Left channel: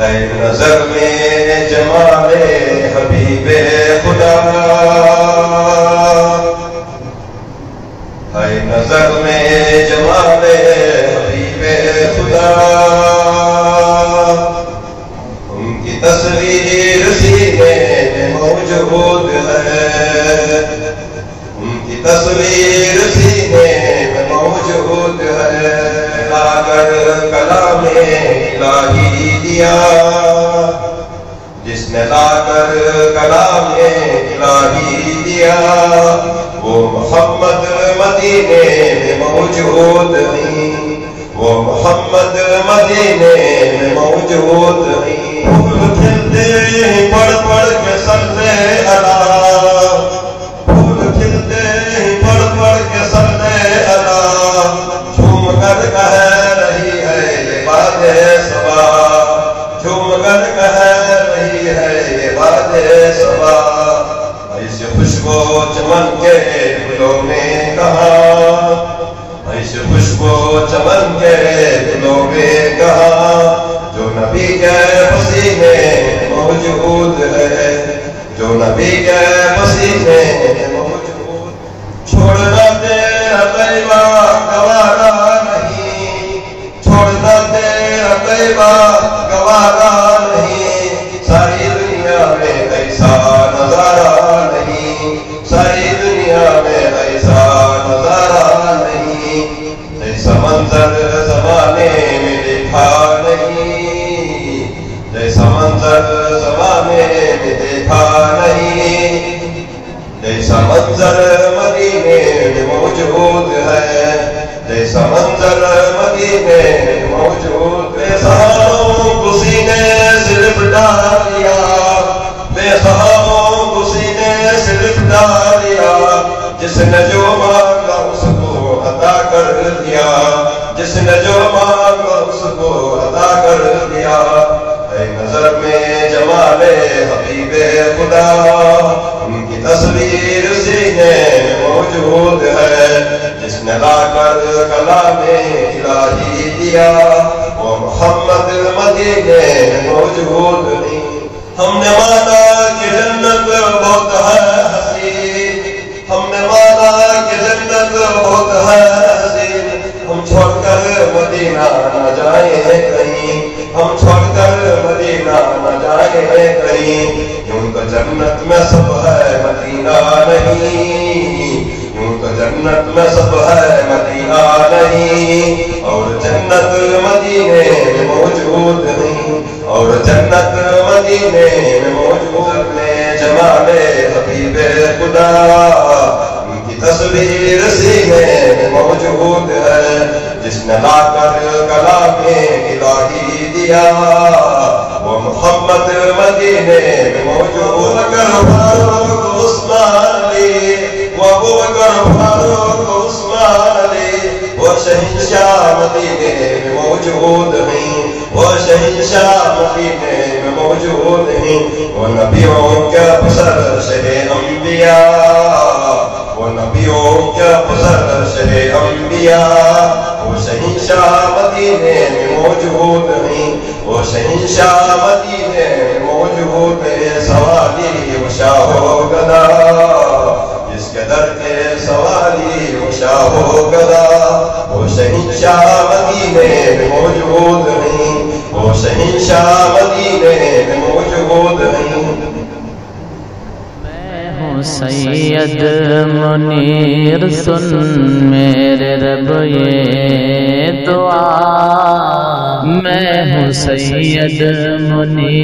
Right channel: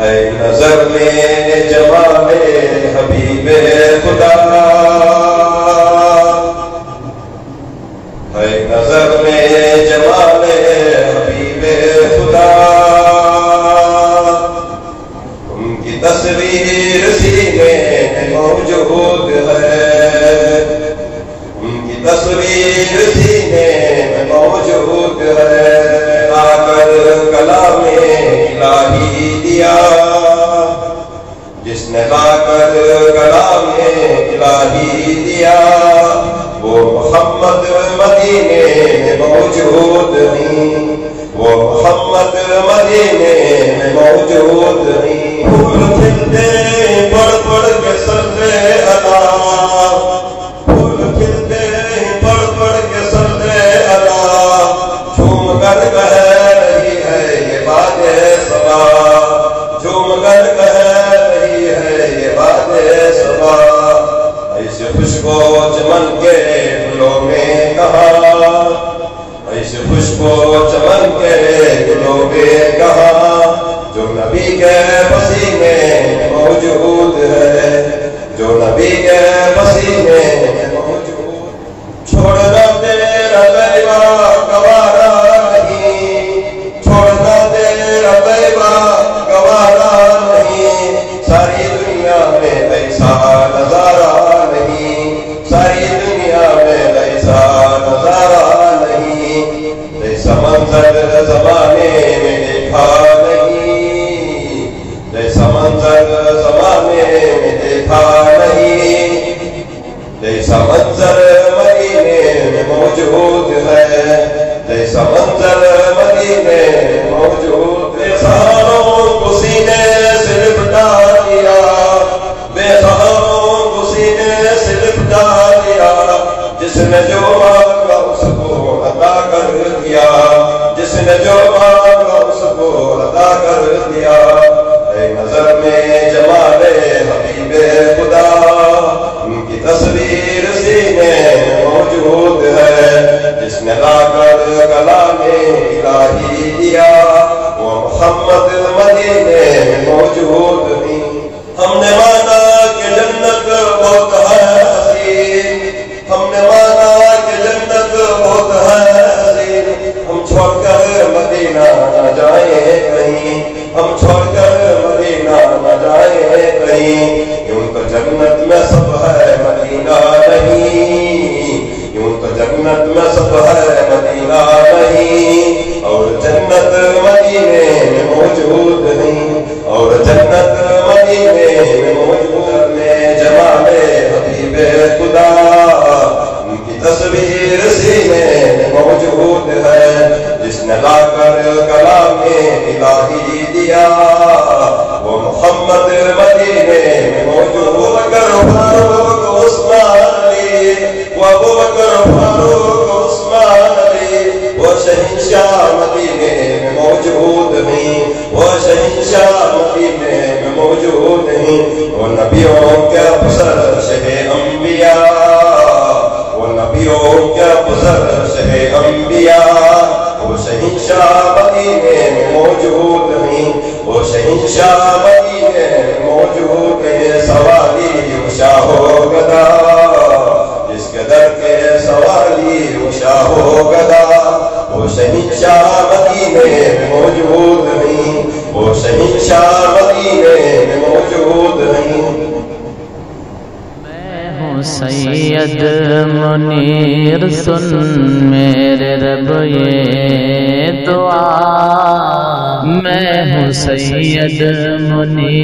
ہے نظر میں جمال حبیب خدا، ہے نظر میں جمال حبیب خدا، ان کی تصویر سینے میں موجود ہے، ان کی تصویر سینے میں موجود ہے، لا کر کلام الہی دیا، جس نے لا کر کلام الہی دیا، وہ محمد مدینے میں موجود ہیں، وہ محمد مدینے میں موجود ہیں، پھول کھلتے پڑھ پڑھ کے سجدے اللہ، پھول کھلتے پڑھ پڑھ کے سجدے اللہ، جھوم کر کہہ رہی ہے یہ باد صبا، جھوم کر کہہ رہی ہے یہ باد صبا، ایسے خوشبو چمن کے گلوں میں کہاں، ایسے خوشبو چمن کے گلوں میں کہاں، جو نبی کے پسینے موجود ہے، جو نبی کے پسینے موجود، چھوڑنا تیرا طیبہ گوارا نہیں، چھوڑنا تیرا طیبہ گوارا نہیں، ساری دنیا میں ایسا نظارہ نہیں، ساری دنیا میں ایسا نظارہ نہیں، جیسا منظر زمانے میں دیکھا نہیں، جیسا منظر زمانے میں دیکھا نہیں، جیسا منظر مدینے میں موجود ہے، جیسا منظر مدینے میں موجود، بے سہاروں کو سینے سے لپٹا لیا، بے سہاروں کو سینے سے لپٹا لیا، جس نے جو مانگا اس کو عطا کر دیا، جس نے جو مانگا اس کو عطا کر دیا، اے نظر میں جمال حبیب خدا، ان کی تصویر سینے میں موجود ہے، جس نے لا کر کلام الہی دیا، وہ محمد مدینے میں موجود نہیں۔ ہم نے مانا کہ جنت بہت ہے حسین، ہم نے مانا کہ جنت بہت ہے حسین، ہم چھوڑ کر مدینہ نہ جائیں کہیں، ہم چھوڑ کر مدینہ نہ جائیں کہیں، یوں تو جنت میں سب ہے مدینہ نہیں، یوں تو جنت میں سب ہے مدینہ نہیں، اور جنت مدینے میں موجود نہیں، اور جنت مدینے میں موجود میں جمال حبیب خدا، ان کی تصویر سینے میں موجود ہے، جس نے لا کر کلام الہی دیا، وہ محمد مدینے میں موجود، بکر فاروق عثمان علی، وہ ابو بکر فاروق عثمان علی، وہ شہنشاہ مدینے میں موجود ہیں، وہ شہنشاہ مدینے میں موجود ہیں، وہ نبیوں کے پسر شہ انبیاء، وہ نبیوں کے پسر شہ انبیاء، وہ شہنشاہ مدینے میں موجود ہیں، وہ شہنشاہ مدینے میں موجود ہیں، سوالی و شاہ و گدا، جس کے در کے سوالی و شاہ و گدا، وہ شہنشاہ مدینے میں موجود ہیں، وہ شہنشاہ مدینے میں موجود ہیں۔ سید منیر سن میرے رب یہ دعا، میں ہوں سید منیر